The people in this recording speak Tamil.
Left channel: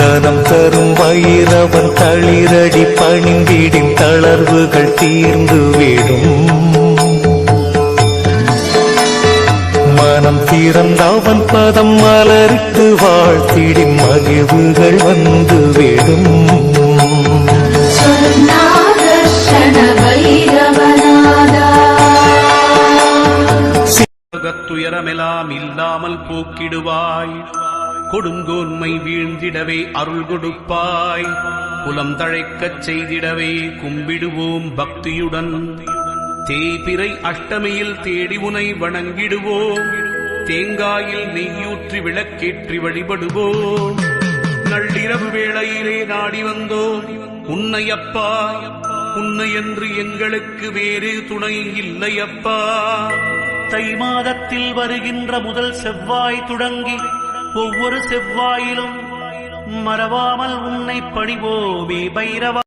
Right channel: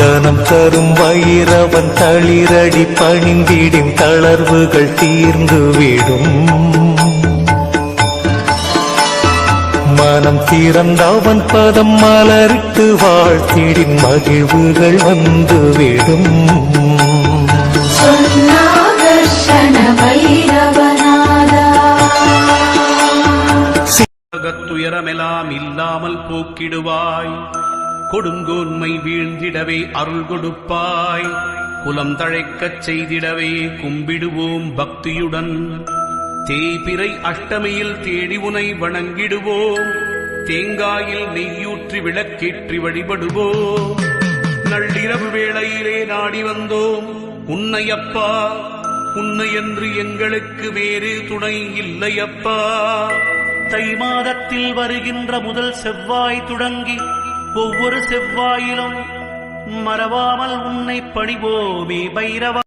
தனம் தரும் வைரவன் தளிரடி பணிந்திடின் தளர்வுகள் தீர்ந்துவிடும். மனம் திறந்தவன் பதம் மலரிட்டு வாழ்த்திடின் மகிழ்வுகள் வந்துவிடும். துயரமெல்லாம் இல்லாமல் போக்கிடுவாய். கொடுங்கோன்மை வீழ்ந்திடவே அருள் கொடுப்பாய். குலம் தழைக்கச் செய்திடவே கும்பிடுவோம் பக்தியுடன். தேய்பிறை அஷ்டமியில் தேடி உனை வணங்கிடுவோம். தேங்காயில் நெய்யூற்றி விளக்கேற்றி வழிபடுவோம். நள்ளிரவு வேளையிலே நாடி வந்தோம் உன்னையப்பா. உன்னையன்று எங்களுக்கு வேறு துணை இல்லையப்பா. தை மாதத்தில் வருகின்ற முதல் செவ்வாய் தொடங்கி ஒவ்வொரு செவ்வாயிலும் மறவாமல் உன்னை பணிவோமே பைரவா.